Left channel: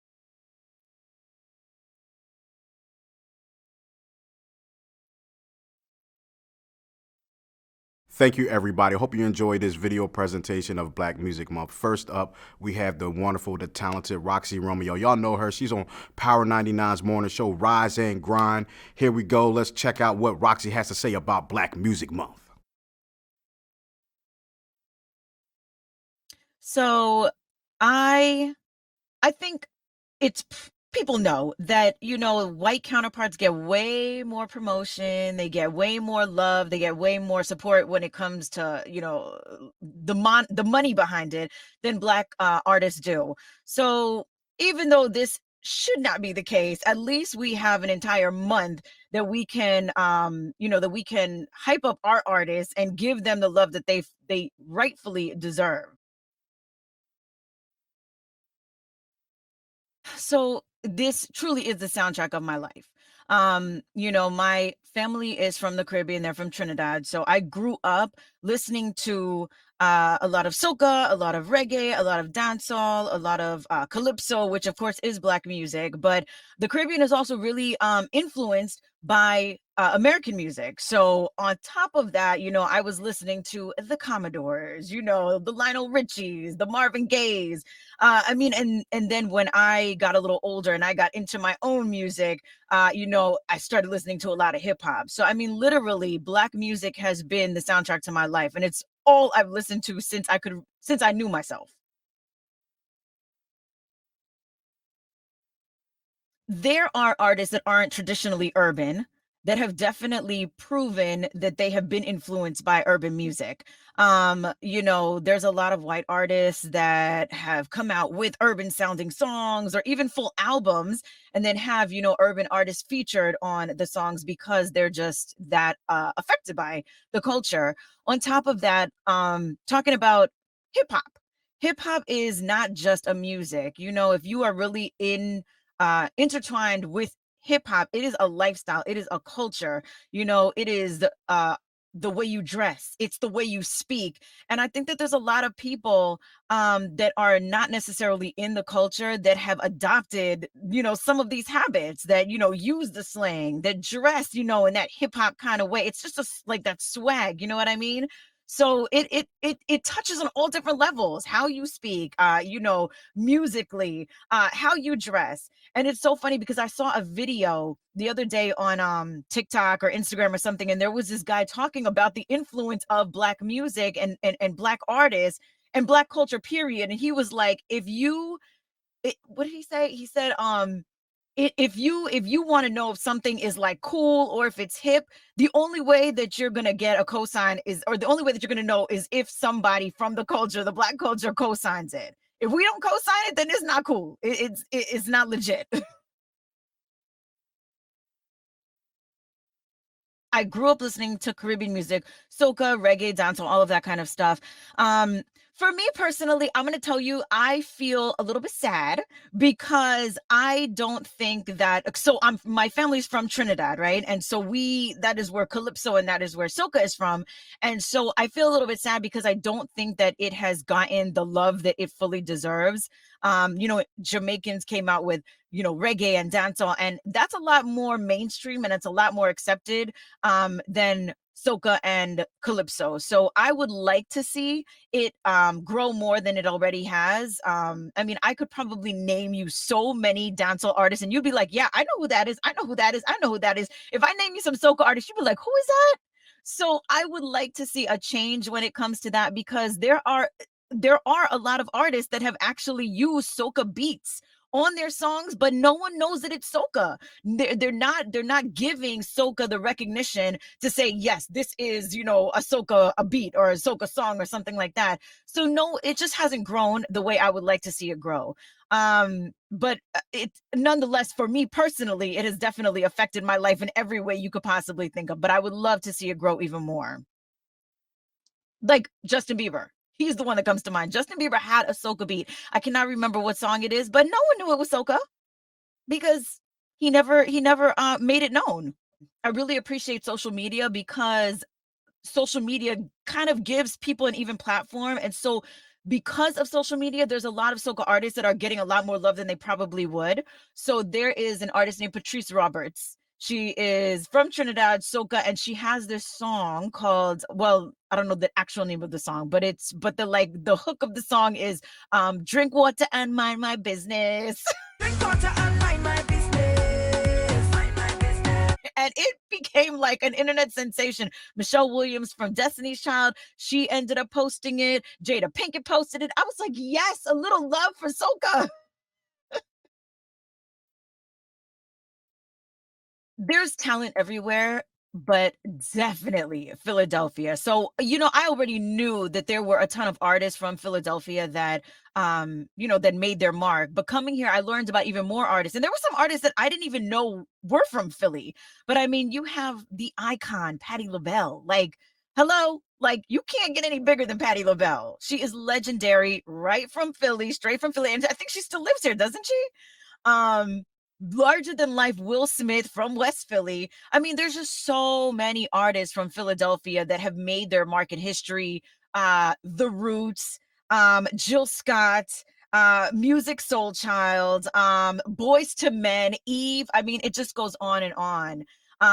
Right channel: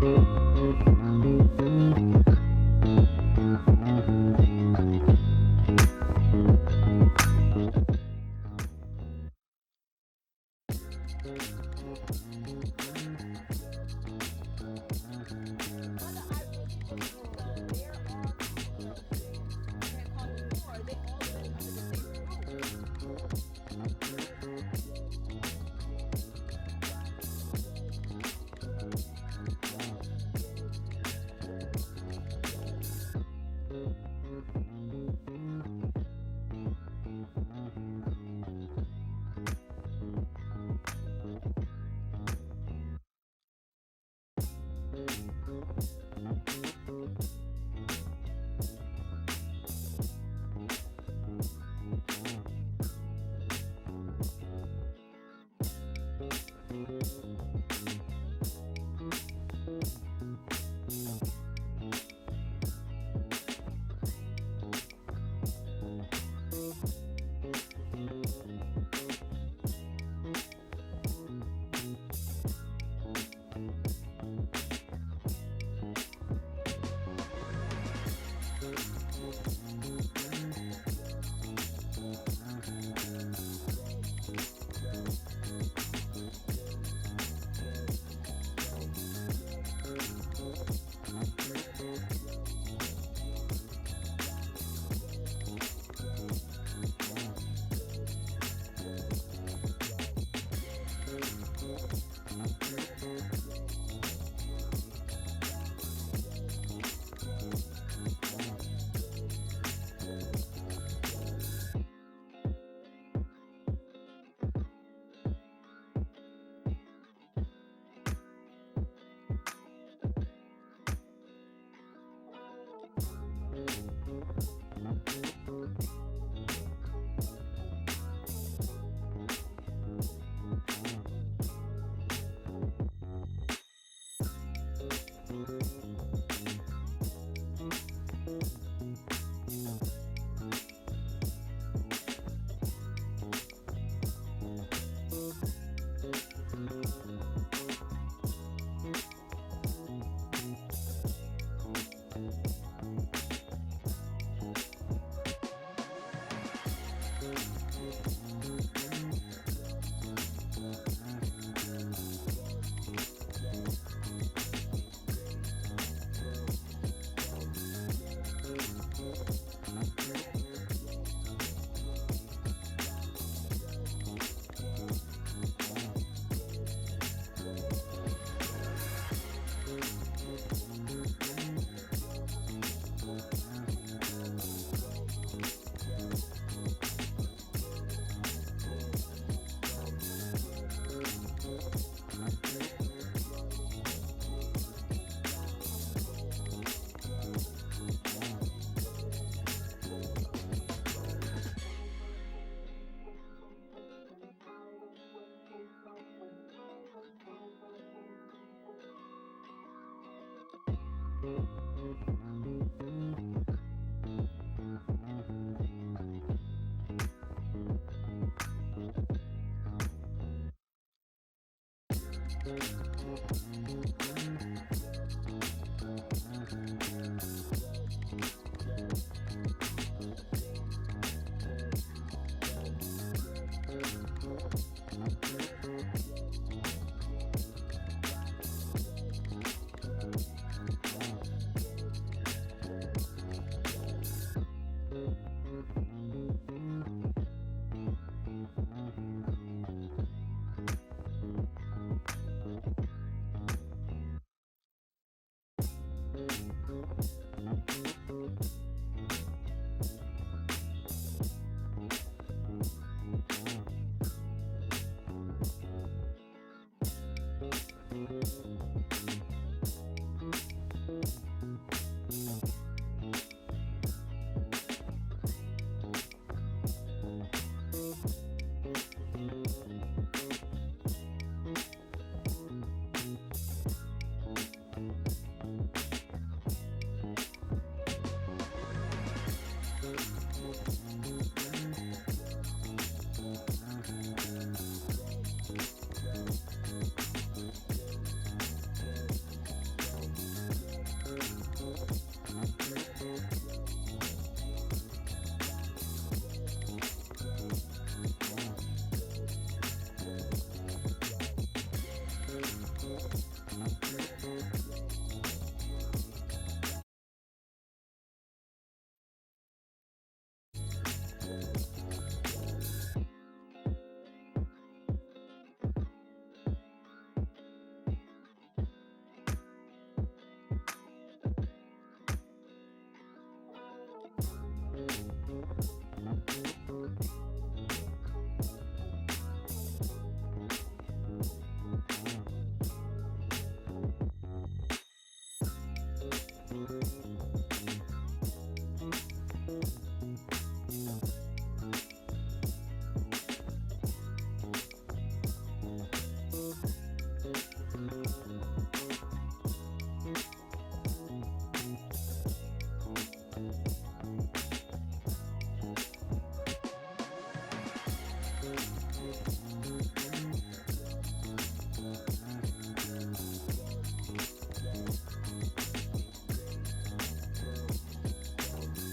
Thank you, everybody. Hope you enjoyed this video presentation of Black Music Month. First up, we have the wonderful, the talented Roxy Romeo. Y'all know her. She's on Power 99's morning show, Rise and Grind. Here we go. Let's check out what Roxy has to say about Black Music Month. So I think it's people know that, white counterparts get way more promotion, they get way more love, they get way more support when it comes to, the money behind it than Black artists do. So even though this should not be the case, at least we have an entire month that we can, that we can hype up our artists and give them the love that they rightfully deserve. So this truly is the soundtrack of my life. My family is from the Caribbean, they're from Trinidad. So I grew up listening to a lot of soca, a lot of reggae, a lot of dancehall, a lot of calypso, which of course is Black music. But the Caribbean is also really influenced by American music. So on top of that, I was listening to the Commodores, the Lionel Richies, the Marvin Gayes. And then when I got a little older and I got into my own music, I started listening to a lot of hip hop. So, literally Black music has been the soundtrack to my life, and it's all I've listened to since I knew myself. There are artists that aren't traditionally urban that have definitely proven that they have been influenced by urban music. There's a lot of white artists that have come out with urban sounding songs or even full albums, and then have, urban artists featured on the songs because they're just that affected by the culture. On top of that, talking about hip hop. Hip hop is not just a music. If you are really intertwined with hip hop, it is a lifestyle, it is a culture, it is the way you dress, it's the way you speak. And I think that there's a lot of people that are not necessarily in the culture that have adopted, some of these habits, that, use the slang, that dress, in that hip hop kind of way. It's just like that swag, you know what I mean? So it touches on all different levels, how you speak, musically, how you dress. And it's so funny because I saw a video the other day on TikTok or Instagram or something, and there was this guy talking about the influence of Black music and Black artists and Black culture, period. And he was like, what did he say? He said, if you want to know if something is like cool or if it's hip, the only way that you're gonna get a cosign the only way that you're gonna know is if somebody from the culture, the Black culture, cosigns it. If we don't cosign it, then it's not cool. It's not legit. I grew up listening to Caribbean music, soca, reggae, dancehall, all of that kind of stuff. For me personally, I'm going to tell you, I feel a little bit sad because I don't think that, my family's from Trinidad, right? And so that is where Calypso and that is where soca is from. And so I feel a little bit sad because I don't think that it has gotten the love that it fully deserves. Jamaicans came out with, reggae and dancehall, and that's a lot more mainstream and it's a lot more accepted than soca and calypso. So I would like to see it grow more than it already has. I could probably name you so many dancehall artists and you'd be like, yeah, I know who that is. I know who that is. I know who that is. If I name you some soca artists, you'd be like, who is that? So I would like to see a change when it comes to that, because there are a lot of artists that have actually used soca beats on their songs, but no one knows that it's soca. They're not giving soca the recognition to say, yes, this is, a beat or a soca song or something like that. So no, it just hasn't grown the way I would like to see it grow. But nonetheless, for me personally, it has definitely affected my life in every way you could possibly think of, but I would love to see it grow even more. Like Justin Bieber. He's the one that comes to mind. Justin Bieber had a soca beat. I cannot remember what song it is, but no one knew it was soca because he never made it known. I really appreciate social media because social media kind of gives people an even platform. And so because of social media, there's a lot of soca artists that are getting a lot more love than they probably would. So there is an artist named Patrice Roberts. She is from Trinidad, soca, and she has this song called, well, I don't know the actual name of the song, but the hook of the song is drink water and mind my business. Drink water and mind my business. Mind my business. And it became like an internet sensation. Michelle Williams from Destiny's Child, she ended up posting it. Jada Pinkett posted it. I was like, yes, a little love for soca. There's talent everywhere, but definitely Philadelphia. So, I already knew that there were a ton of artists from Philadelphia that, that made their mark. But coming here, I learned about even more artists. And there were some artists that I didn't even know were from Philly. But I mean, you have the icon, Patti LaBelle. Like, hello? Like, you can't get any bigger than Patti LaBelle. She is legendary, right from Philly, straight from Philly. And I think she still lives here, doesn't she? Larger than life Will Smith from West Philly. I mean, there's just so many artists from Philadelphia that have made their mark in history. The Roots, Jill Scott, Music Soul Child, Boys to Men, Eve. I mean, it just goes on and on.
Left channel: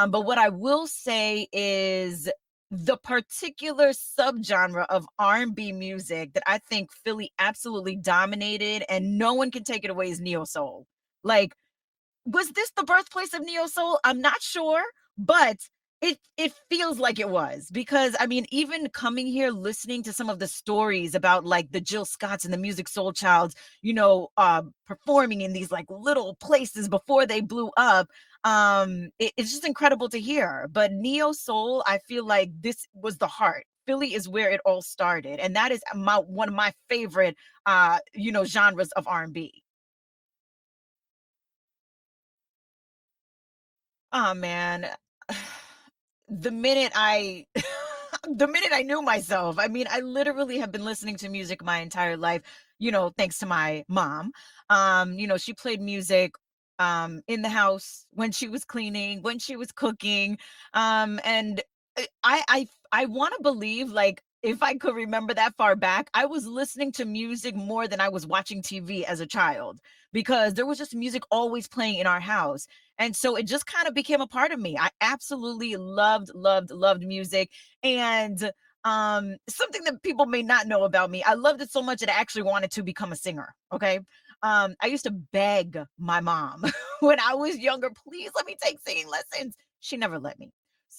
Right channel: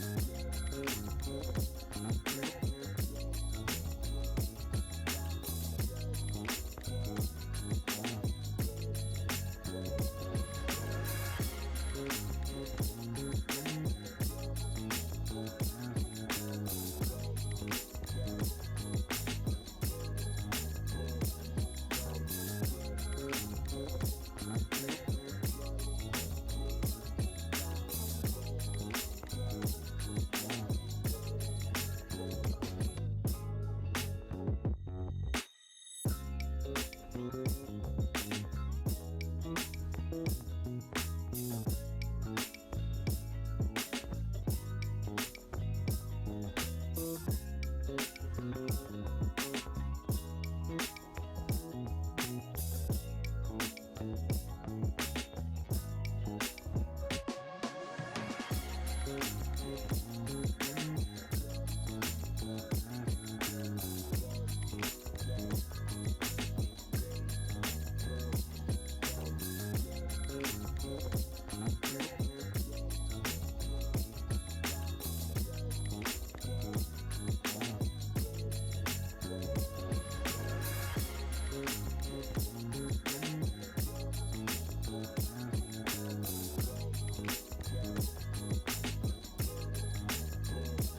But what I will say is the particular subgenre of R&B music that I think Philly absolutely dominated and no one can take it away is neo soul. Like, was this the birthplace of neo soul? I'm not sure, but it feels like it was, because I mean, even coming here, listening to some of the stories about like the Jill Scotts and the Music Soul Childs, performing in these like little places before they blew up. It's just incredible to hear. But neo soul, I feel like this was the heart. Philly is where it all started, and that is one of my favorite, genres of R&B. Oh man, the minute I knew myself, I mean, I literally have been listening to music my entire life, thanks to my mom. She played music in the house when she was cleaning, when she was cooking. And I want to believe, like, if I could remember that far back, I was listening to music more than I was watching TV as a child, because there was just music always playing in our house. And so it just kind of became a part of me. I absolutely loved music. And something that people may not know about me, I loved it so much that I actually wanted to become a singer. Okay. I used to beg my mom when I was younger, please let me take singing lessons. She never let me.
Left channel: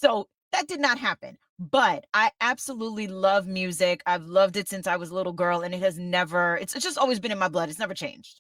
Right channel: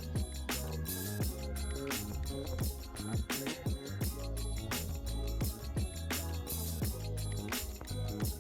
So that did not happen. But I absolutely love music. I've loved it since I was a little girl, and it's just always been in my blood. It's never changed.